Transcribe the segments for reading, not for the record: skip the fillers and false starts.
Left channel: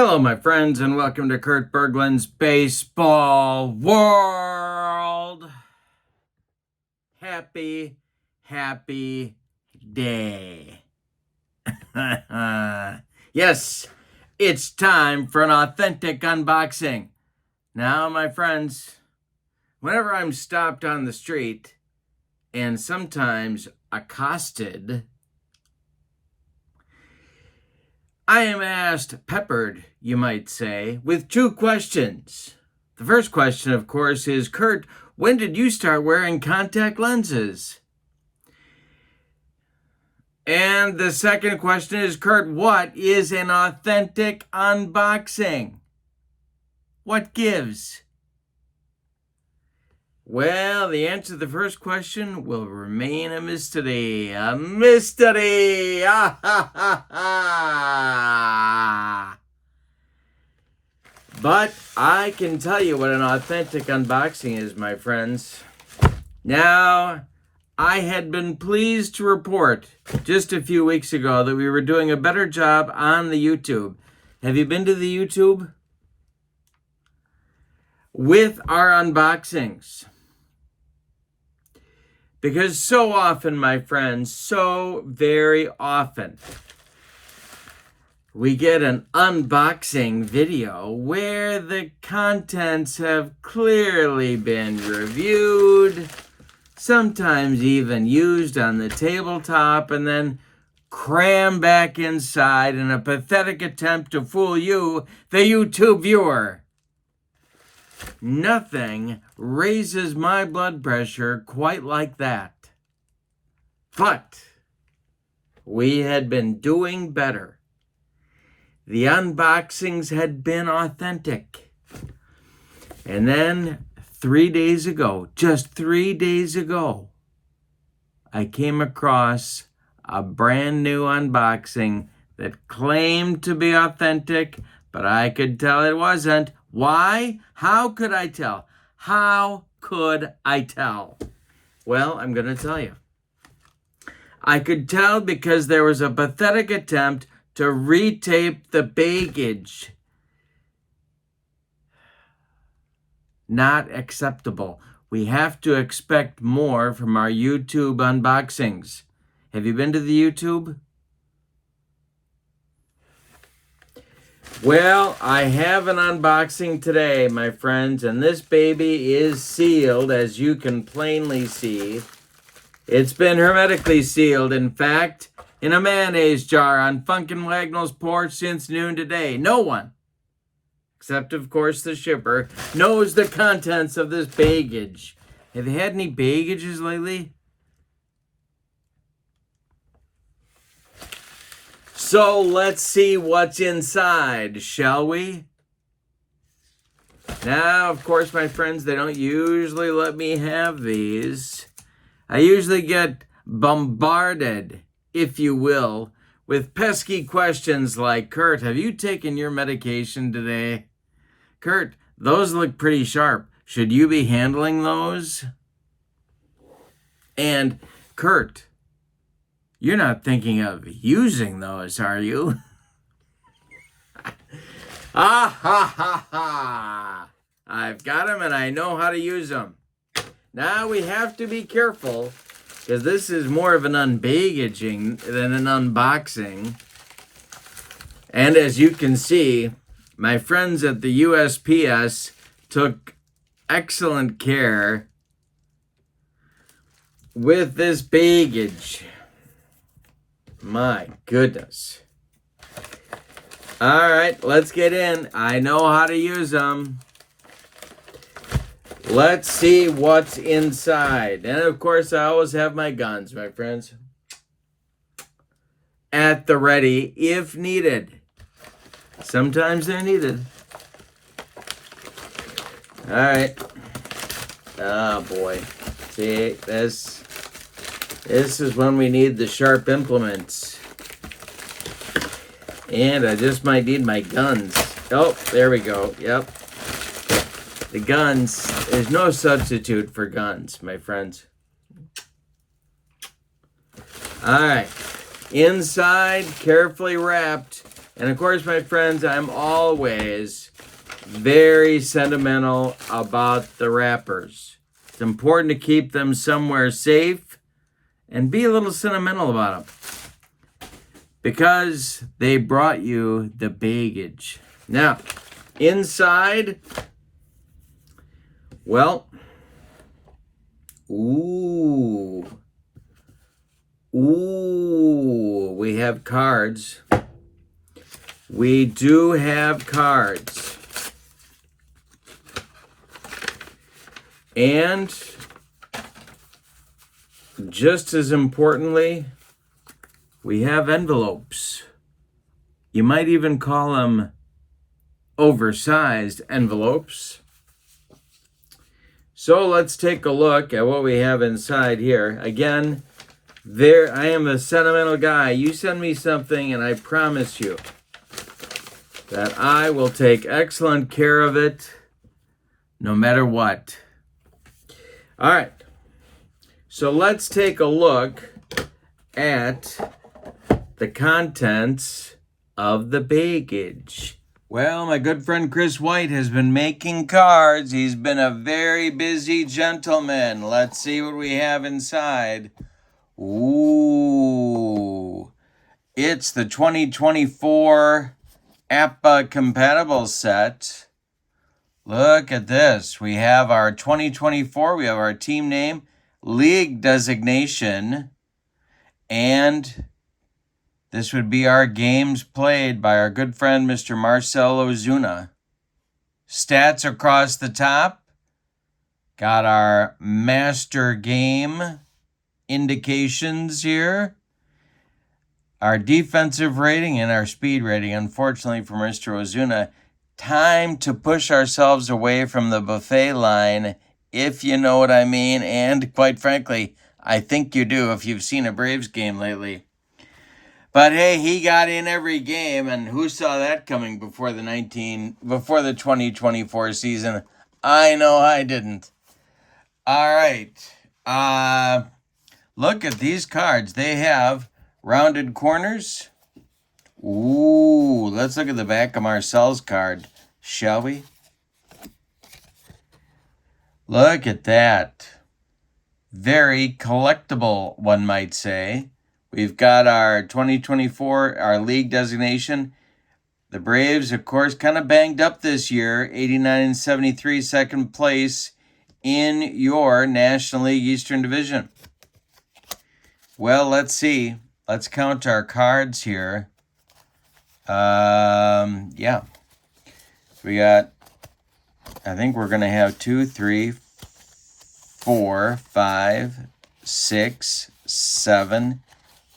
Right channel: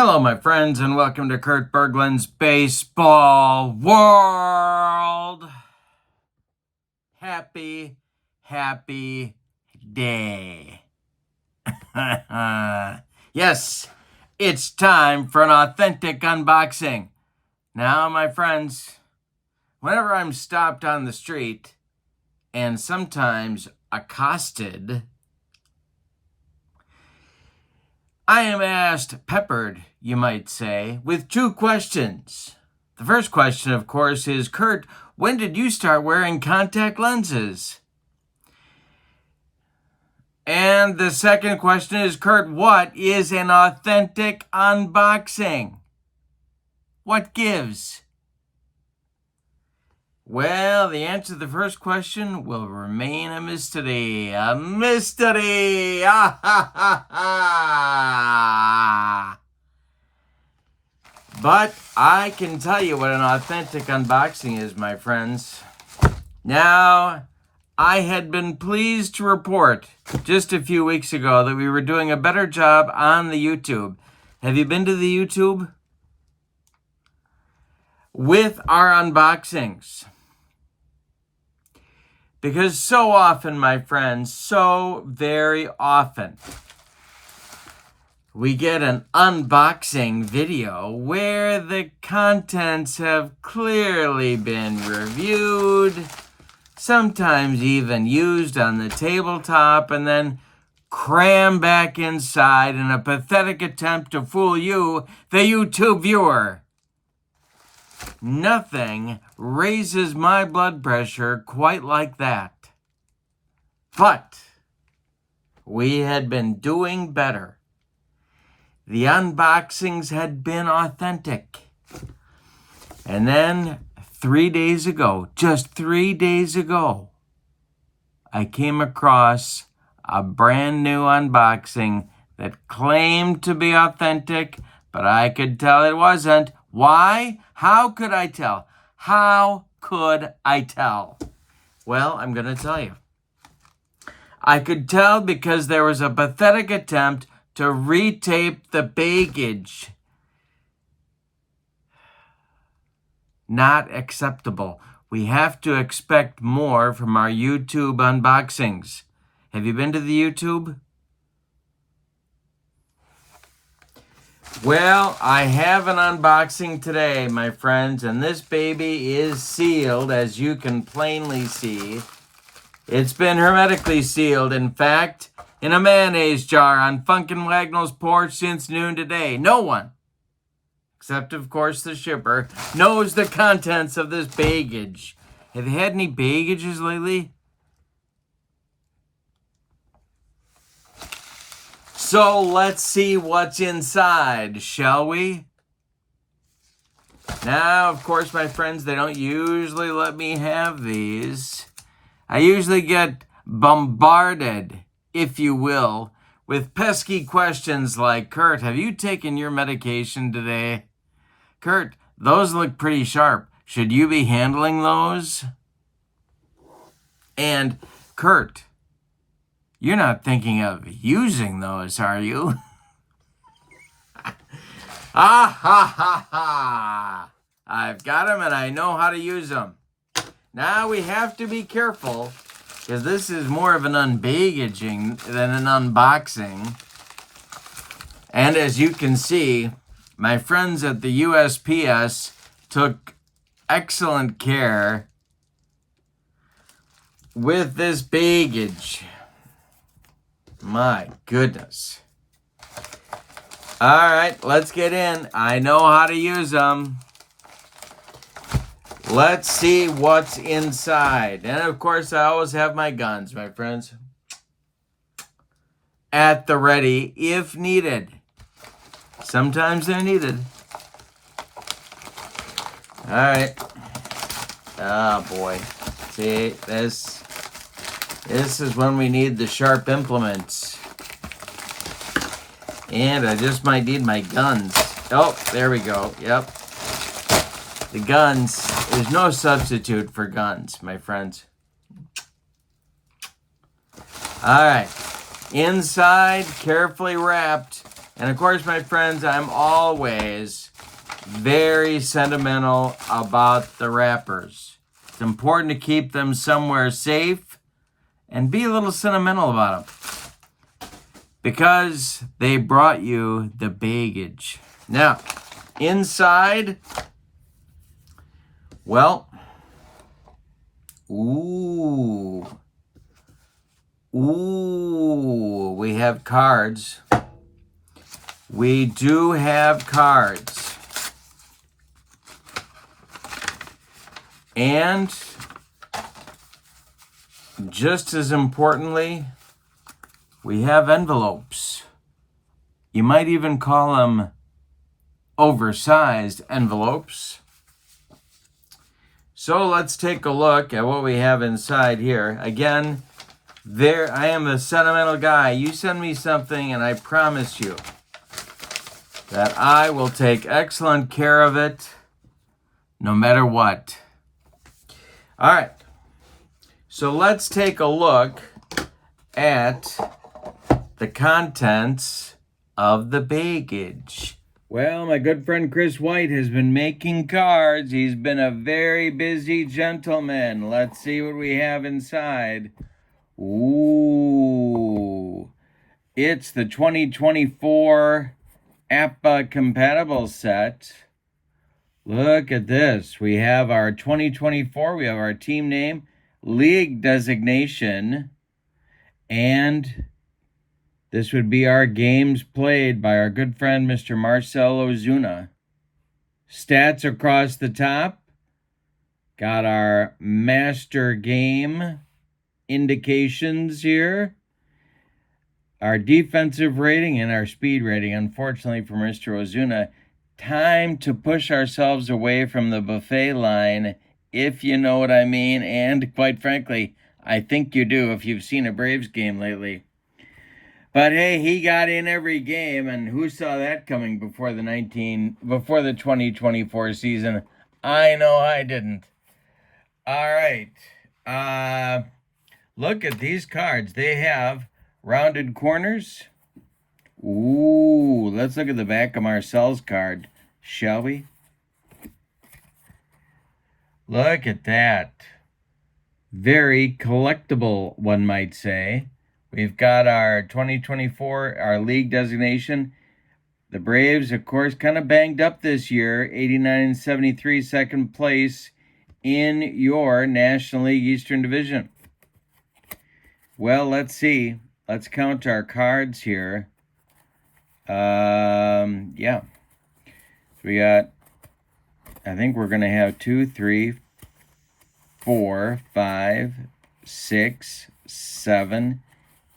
Hello, my friends, and welcome to Kurt Berglund's Baseball World. Happy day. Yes, it's time for an authentic unboxing. Now, my friends, whenever I'm stopped on the street and sometimes accosted, I am peppered, you might say, with two questions. The first question, of course, is, Kurt, when did you start wearing contact lenses? And the second question is, Kurt, what is an authentic unboxing? What gives? Well, the answer to the first question will remain a mystery. A mystery! Ah, ha, ha, ha. But I can tell you what an authentic unboxing is, my friends. Now, I had been pleased to report just a few weeks ago that we were doing a better job on the YouTube. Have you been to the YouTube? With our unboxings. Because so often, my friends, so very often, we get an unboxing video where the contents have clearly been reviewed, sometimes even used on the tabletop, and then crammed back inside in a pathetic attempt to fool you, the YouTube viewer. Nothing raises my blood pressure quite like that. But we had been doing better. The unboxings had been authentic. And then 3 days ago, just 3 days ago, I came across a brand new unboxing that claimed to be authentic, but I could tell it wasn't. Why? How could I tell? How could I tell? Well, I'm going to tell you. I could tell because there was a pathetic attempt to retape the baggage. Not acceptable. We have to expect more from our YouTube unboxings. Have you been to the YouTube? Well, I have an unboxing today, my friends, and this baby is sealed, as you can plainly see. It's been hermetically sealed, in fact, in a mayonnaise jar on Funkin' Wagnall's porch since noon today. No one, except, of course, the shipper, knows the contents of this baggage. Have you had any baggages lately? So let's see what's inside, shall we? Now, of course, my friends, they don't usually let me have these. I usually get bombarded, if you will, with pesky questions like, Kurt, have you taken your medication today? Kurt, those look pretty sharp. Should you be handling those? And, Kurt, you're not thinking of using those, are you? Ah, ha, ha, ha. I've got them and I know how to use them. Now we have to be careful because this is more of an unbaggaging than an unboxing. And as you can see, my friends at the USPS took excellent care with this baggage. My goodness. All right, let's get in. I know how to use them. Let's see what's inside. And of course, I always have my guns, my friends, at the ready if needed. Sometimes they're needed. All right. Oh, boy. See, this is when we need the sharp implements. And I just might need my guns. Oh, there we go. Yep. The guns. There's no substitute for guns, my friends. All right. Inside, carefully wrapped, And of course, my friends, I'm always very sentimental about the wrappers. It's important to keep them somewhere safe and be a little sentimental about them because they brought you the baggage. Now, inside, well, ooh, we have cards. We do have cards. And just as importantly, we have envelopes. You might even call them oversized envelopes. So let's take a look at what we have inside here. Again, I am a sentimental guy. You send me something and I promise you that I will take excellent care of it no matter what. All right, so let's take a look at the contents of the baggage. Well, my good friend Chris White has been making cards. He's been a very busy gentleman. Let's see what we have inside. Ooh, it's the 2024 APBA Compatible set. Look at this. We have our 2024, we have our team name, league designation, and this would be our games played by our good friend, Mr. Marcel Ozuna. Stats across the top. Got our master game indications here. Our defensive rating and our speed rating, unfortunately for Mr. Ozuna. Time to push ourselves away from the buffet line, if you know what I mean. And quite frankly, I think you do if you've seen a Braves game lately. But hey, he got in every game, and who saw that coming before the 2024 season? I know I didn't. All right. Look at these cards. They have rounded corners. Ooh, let's look at the back of Marcel's card, shall we? Look at that. Very collectible, one might say. We've got our 2024, our league designation. The Braves, of course, kind of banged up this year. 89-73, second place in your National League Eastern Division. Well, let's see. Let's count our cards here. Yeah. We got, I think we're going to have 2, 3, 4, 5, 6, 7,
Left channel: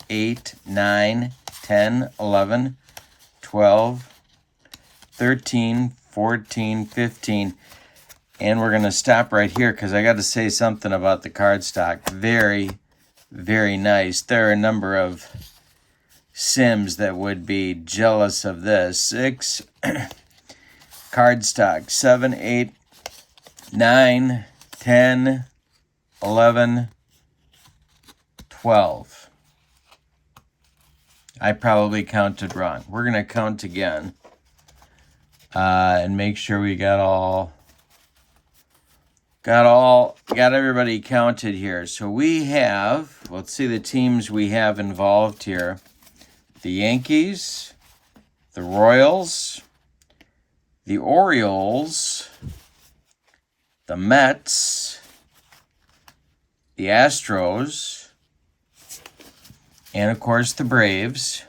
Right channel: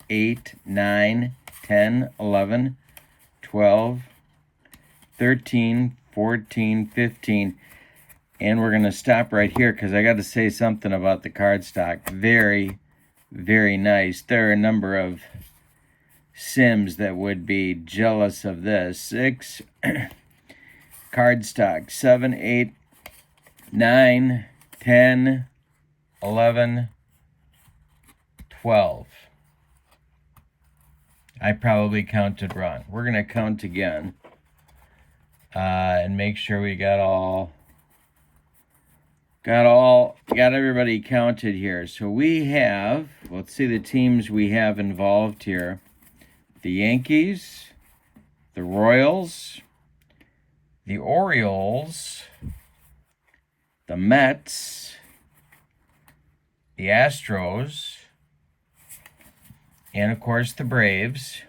8, 9, 10, 11, 12, 13, 14, 15. And we're going to stop right here because I got to say something about the card stock. Very, very nice. There are a number of Sims that would be jealous of this. 6 card stock, 7, 8, 9, 10, 11, 12. I probably counted wrong. We're going to count again and make sure we got everybody counted here. So we have, let's see the teams we have involved here. The Yankees, the Royals, the Orioles, the Mets, the Astros, and of course the Braves.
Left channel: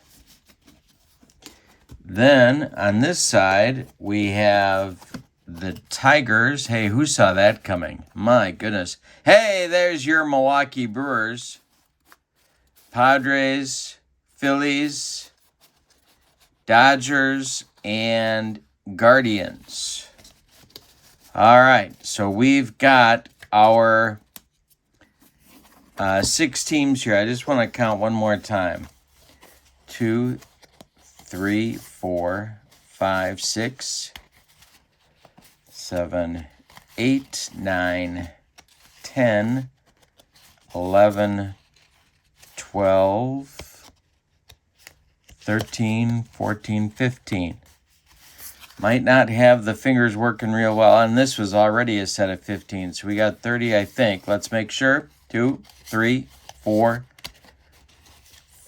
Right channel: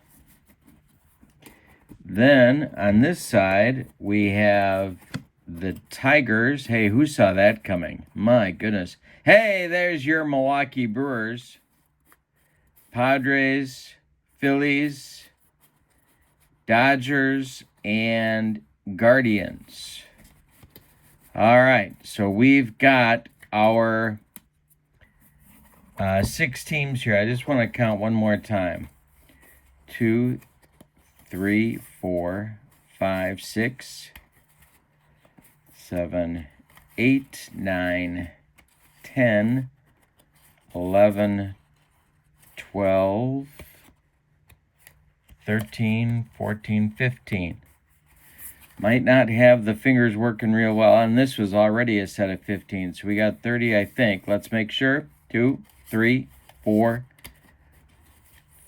Then on this side, we have the Tigers. Hey, who saw that coming? My goodness. Hey, there's your Milwaukee Brewers. Padres, Phillies, Dodgers, and Guardians. All right, so we've got our 6 teams here. I just want to count one more time. 2, 3, 4, 5, 6, 7, 8, 9, 10, 11, 12, 13, 14, 15. Might not have the fingers working real well, and this was already a set of 15, so we got 30, I think. Let's make sure. 2, 3, 4,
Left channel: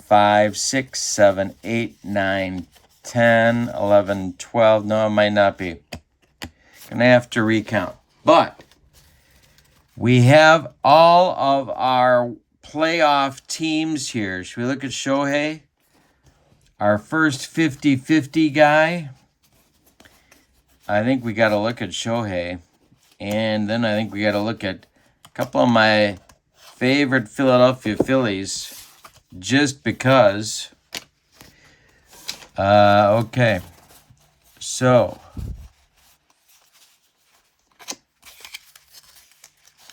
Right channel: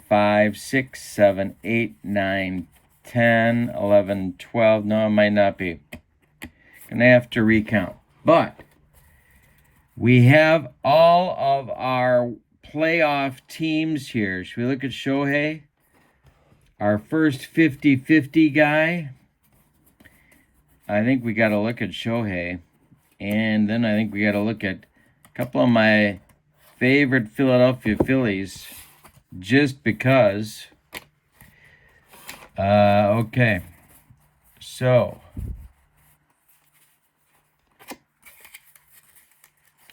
5, 6, 7, 8, 9, 10, 11, 12. No, it might not be. Gonna have to recount. But we have all of our playoff teams here. Should we look at Shohei? Our first 50-50 guy. I think we got to look at Shohei. And then I think we got to look at a couple of my favorite Philadelphia Phillies. Just because. Okay. So.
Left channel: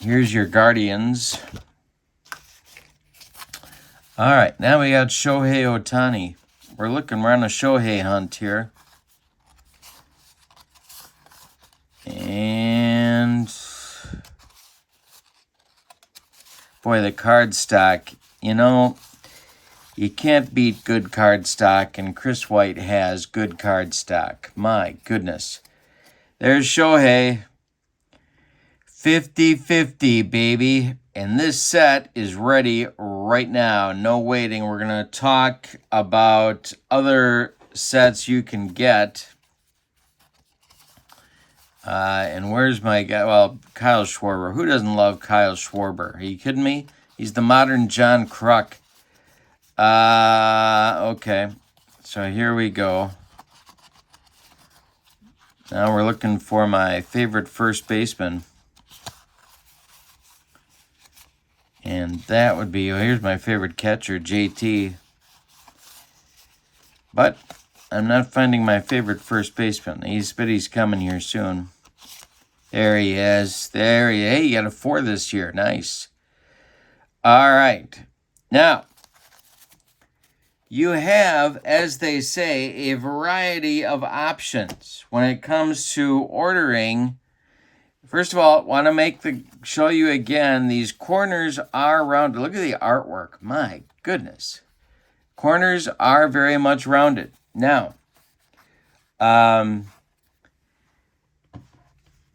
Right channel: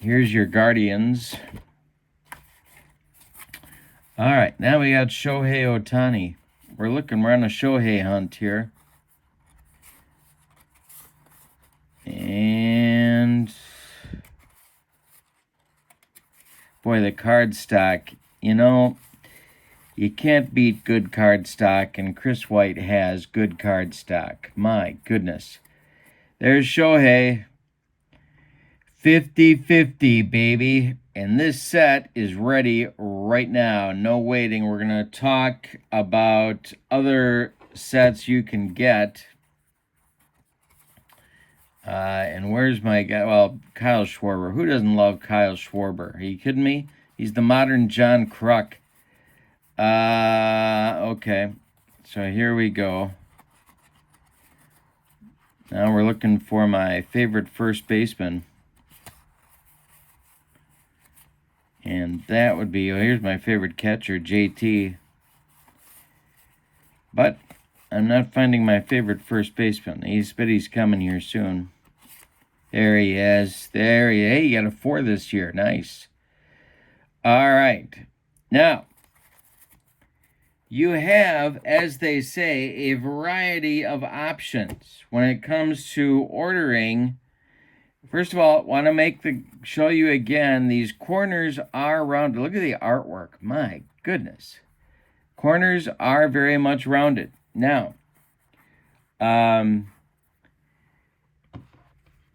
Here's your Guardians. All right. Now we got Shohei Ohtani. We're on a Shohei hunt here. And boy, the card stock, you know, you can't beat good card stock, and Chris White has good card stock. My goodness. There's Shohei. 50-50, baby. And this set is ready right now. No waiting. We're going to talk about other sets you can get. And where's my guy? Well, Kyle Schwarber. Who doesn't love Kyle Schwarber? Are you kidding me? He's the modern John Kruk. Okay. So here we go. Now we're looking for my favorite first baseman. And that would be, here's my favorite catcher, JT. But I'm not finding my favorite first baseman. But he's coming here soon. There he is. There he is. Hey, you got a 4 this year. Nice. All right. Now, you have, as they say, a variety of options when it comes to ordering. First of all, want to show you again, these corners are rounded. Look at the artwork. My goodness. Corners are very much rounded. Now,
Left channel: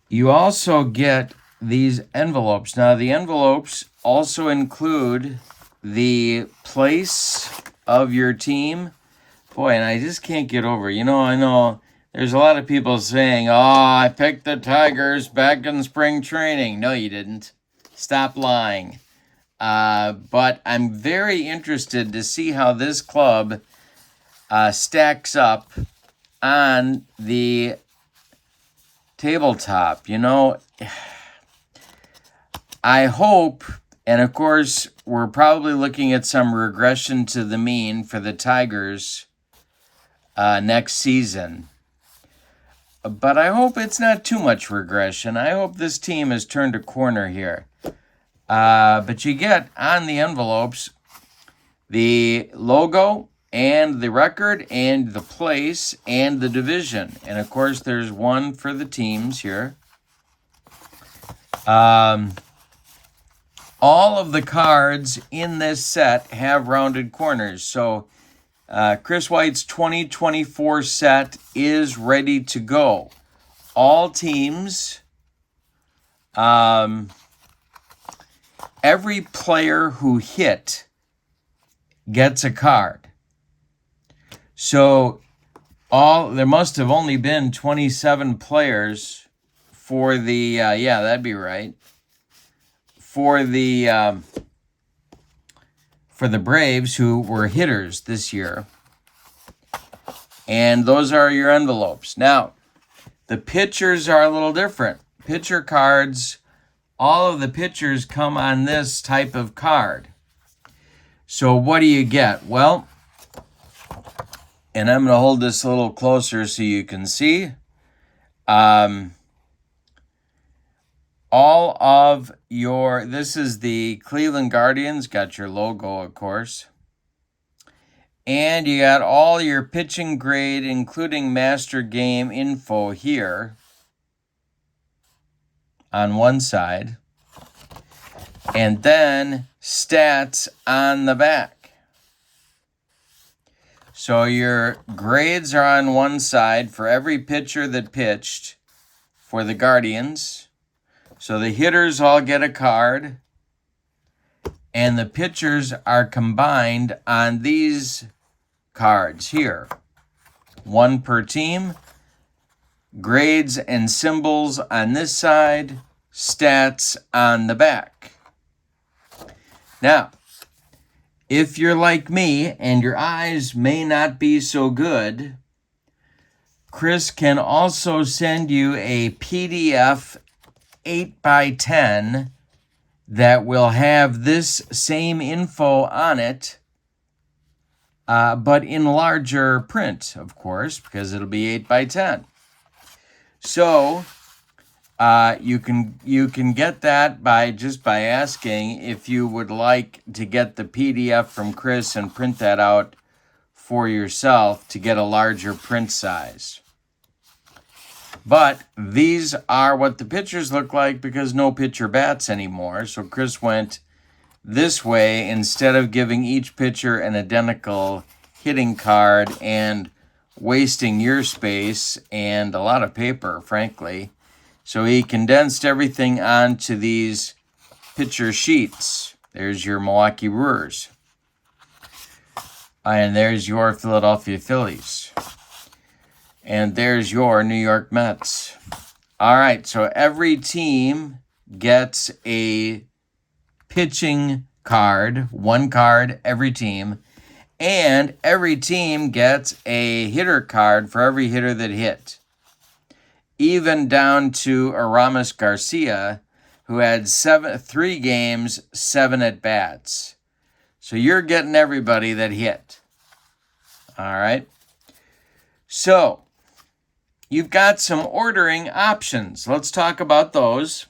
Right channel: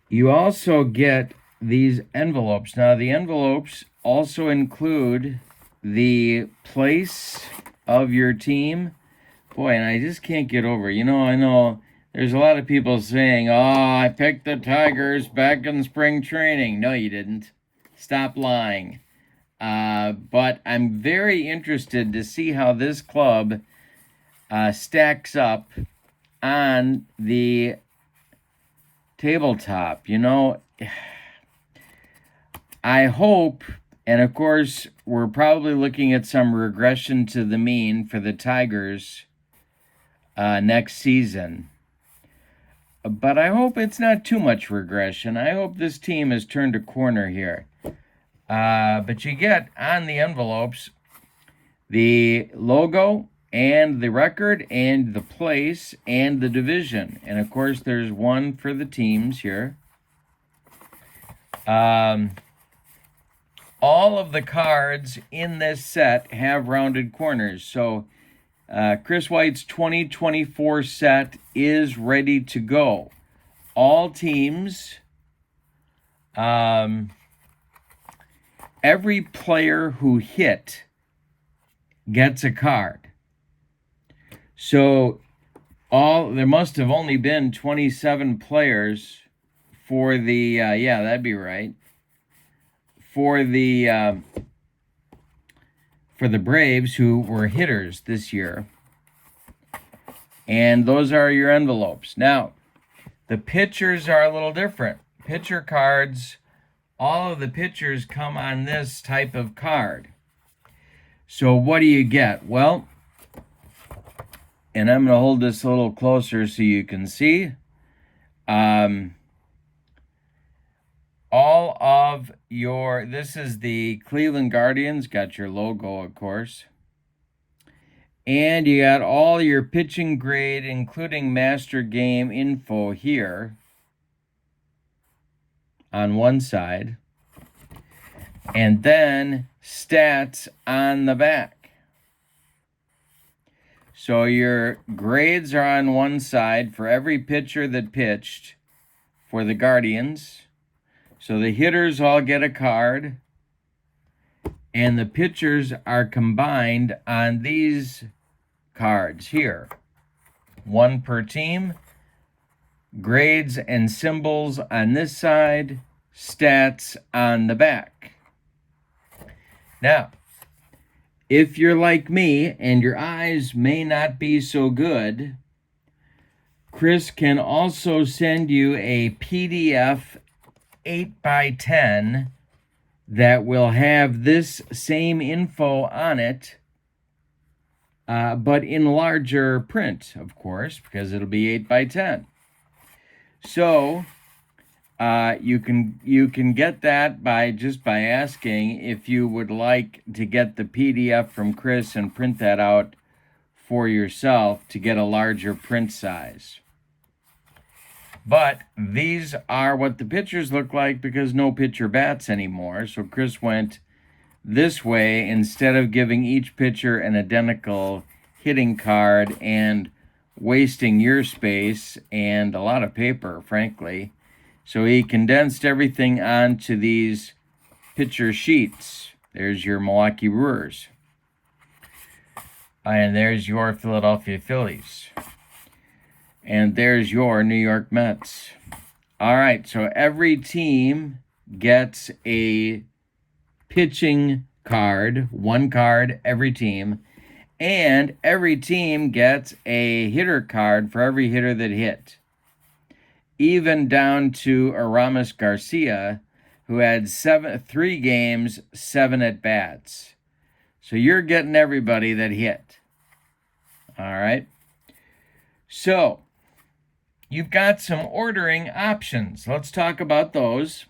you also get these envelopes. Now, the envelopes also include the place of your team. Boy, and I just can't get over. You know, I know there's a lot of people saying, oh, I picked the Tigers back in spring training. No, you didn't. Stop lying. But I'm very interested to see how this club stacks up on the tabletop. You know, I hope, and of course, we're probably looking at some regression to the mean for the Tigers next season. But I hope it's not too much regression. I hope this team has turned a corner here. But you get on the envelopes the logo and the record and the place and the division. And of course, there's one for the teams here. All of the cards in this set have rounded corners. So Chris White's 2024 set is ready to go. All teams, every player who hit gets a card. So there must have only been 27 players for the, yeah, that'd be right. For the Braves who were hitters this year. And those are your envelopes. Now, the pitchers are a little different. Pitcher cards, all of the pitchers come on this type of card. So what do you get? Well, and I'm going to hold this a little closer so you can see. All of this is the Cleveland Guardians, got your logo, of course. And you got all your pitching grade, including master game info here on one side. And then stats on the back. So your grades are on one side for every pitcher that pitched for the Guardians. So the hitters all get a card, and the pitchers are combined on these cards here. One per team. Grades and symbols on this side, stats on the back. Now, if you're like me and your eyes may not be so good, Chris can also send you a PDF 8x10 that will have this same info on it, but in larger print, of course, because it'll be 8x10. So you can get that by asking if you would like to get the PDF from Chris and print that out for yourself to get a larger print size. But these are what the pitchers look like because no pitcher bats anymore. So Chris went this way instead of giving each pitcher an identical hitting card and wasting your space and a lot of paper, frankly. So he condensed everything onto these pitcher sheets. There's your Milwaukee Brewers. And there's your Philadelphia Phillies. And there's your New York Mets. All right, so every team gets a pitching card, one card every team. And every team gets a hitter card for every hitter that hit. Even down to Aramis Garcia, who had 3 games, 7 at-bats. So you're getting everybody that hit. All right. So you've got some ordering options. Let's talk about those.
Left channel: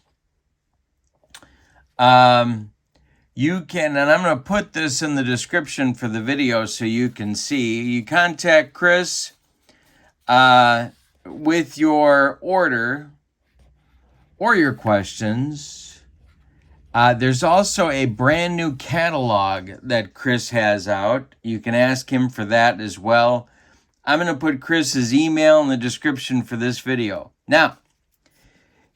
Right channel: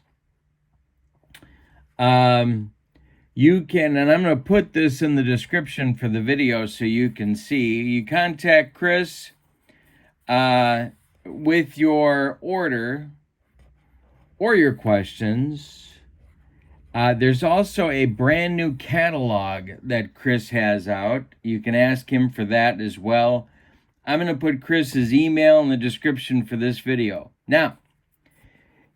You can, and I'm going to put this in the description for the video so you can see. You contact Chris with your order or your questions. There's also a brand new catalog that Chris has out. You can ask him for that as well. I'm going to put Chris's email in the description for this video. Now,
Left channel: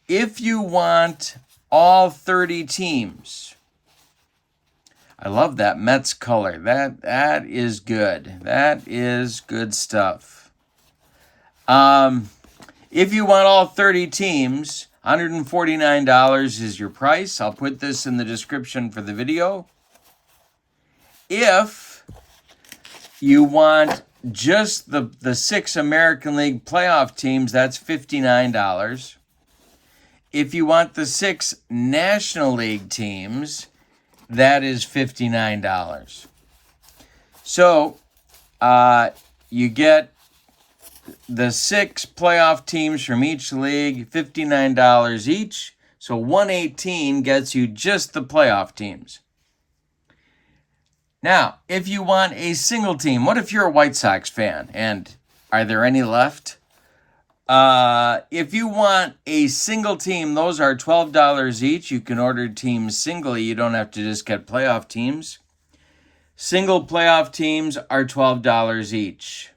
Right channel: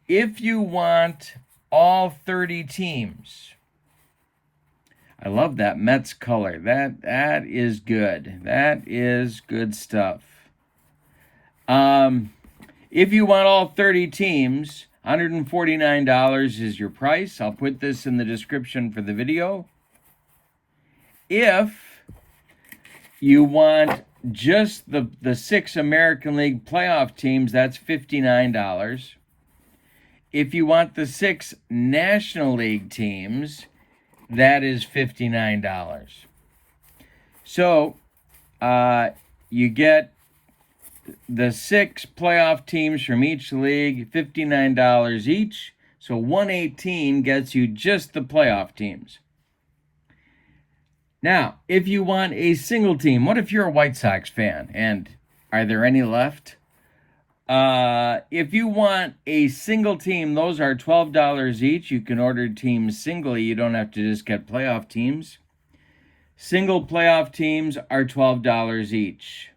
if you want all 30 teams, I love that Mets color. That is good. That is good stuff. If you want all 30 teams, $149 is your price. I'll put this in the description for the video. If you want just the 6 American League playoff teams, that's $59. If you want the 6 National League teams, that is $59. So you get the 6 playoff teams from each league, $59 each. So $118 gets you just the playoff teams. Now, if you want a single team, what if you're a White Sox fan? And are there any left? If you want a single team, those are $12 each. You can order teams singly. You don't have to just get playoff teams. Single playoff teams are $12 each.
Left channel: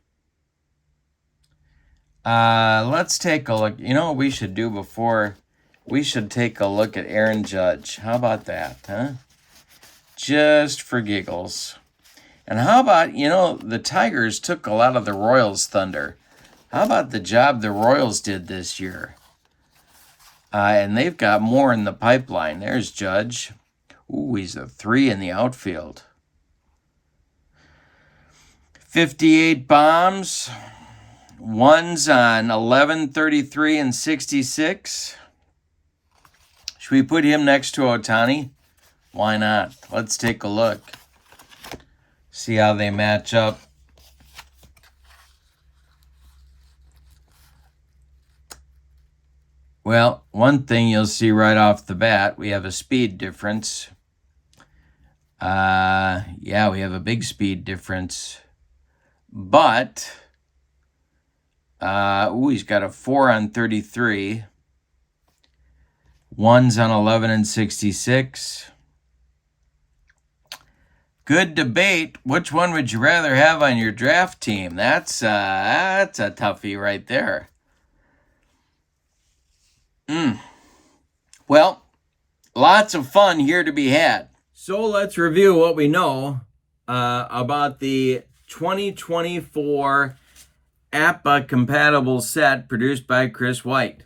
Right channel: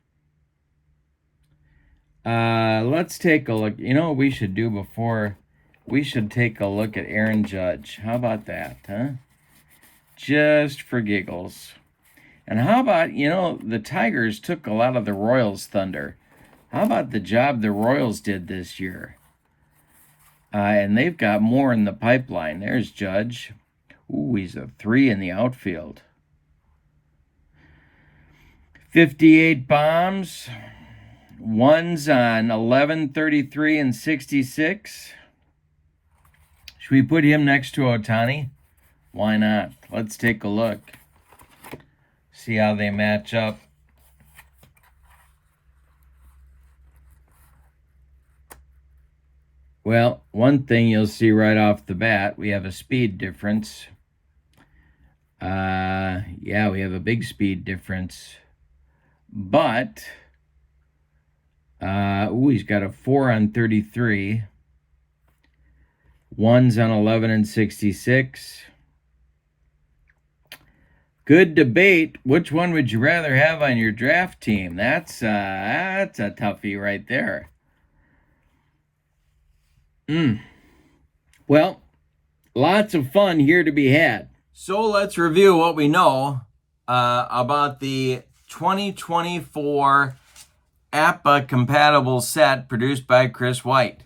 Let's take a look. You know what we should do before? We should take a look at Aaron Judge. How about that, huh? Just for giggles. And how about, the Tigers took a lot of the Royals' thunder. How about the job the Royals did this year? And they've got more in the pipeline. There's Judge. Ooh, he's a 3 in the outfield. 58 bombs. 1's on 11, 33, and 66. Should we put him next to Ohtani? Why not? Let's take a look. See how they match up. Well, one thing you'll see right off the bat, we have a speed difference. Yeah, we have a big speed difference. But, he's got a 4 on 33. 1's on 11 and 66. Good debate. Which one would you rather have on your draft team? That's a toughie right there. Well, lots of fun here to be had. So let's review what we know about the 2024 APBA compatible set produced by Chris White.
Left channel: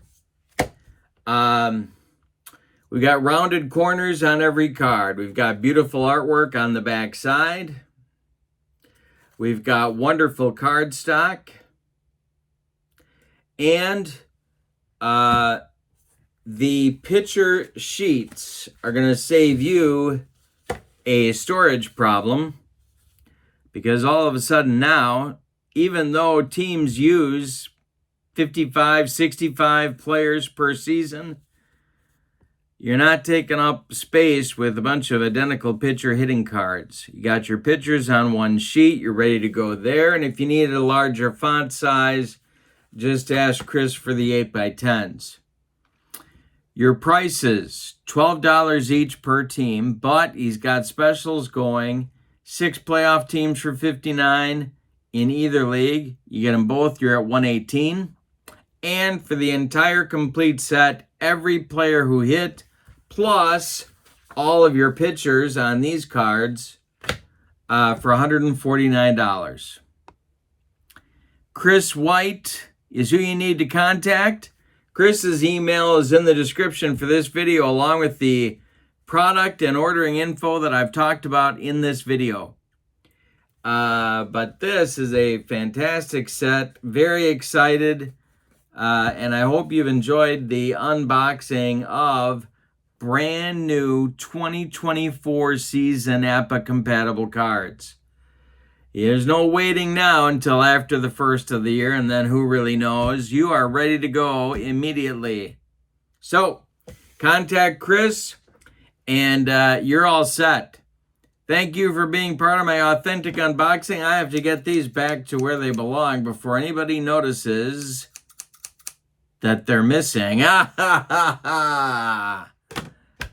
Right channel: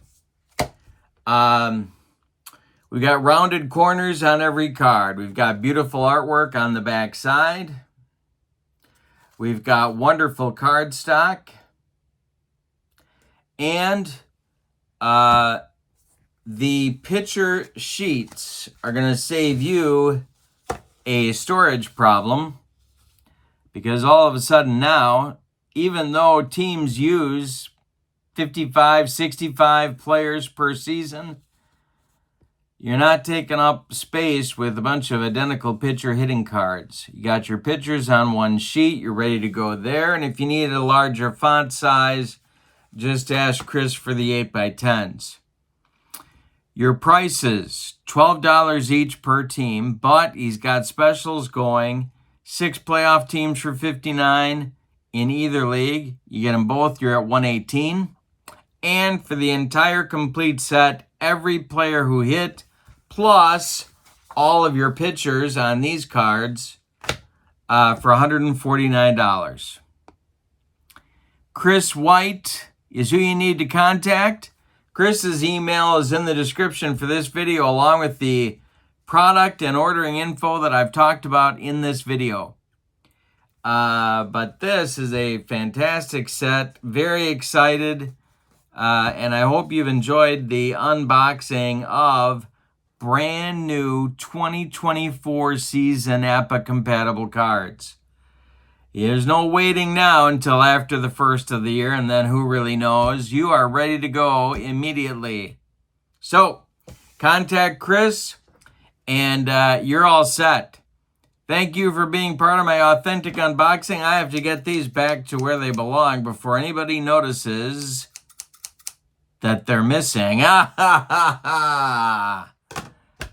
We've got rounded corners on every card. We've got beautiful artwork on the back side. We've got wonderful cardstock. And the picture sheets are going to save you a storage problem, because all of a sudden now, even though teams use 55, 65 players per season, you're not taking up space with a bunch of identical pitcher hitting cards. You got your pitchers on one sheet. You're ready to go there. And if you need a larger font size, just ask Chris for the 8x10s. Your prices, $12 each per team, but he's got specials going. 6 playoff teams for $59 in either league. You get them both, you're at $118. And for the entire complete set, every player who hit, plus all of your pitchers on these cards for $149. Chris White is who you need to contact. Chris's email is in the description for this video, along with the product and ordering info that I've talked about in this video. But this is a fantastic set. Very excited. And I hope you've enjoyed the unboxing of brand new 2024 season APBA compatible cards. There's no waiting now until after the first of the year, and then who really knows? You are ready to go immediately. So, contact Chris, and you're all set. Thank you for being part of my authentic unboxing. I have to get these back to where they belong before anybody notices that they're missing.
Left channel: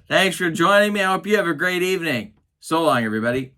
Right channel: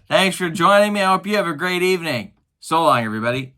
Thanks for joining me. I hope you have a great evening. So long, everybody.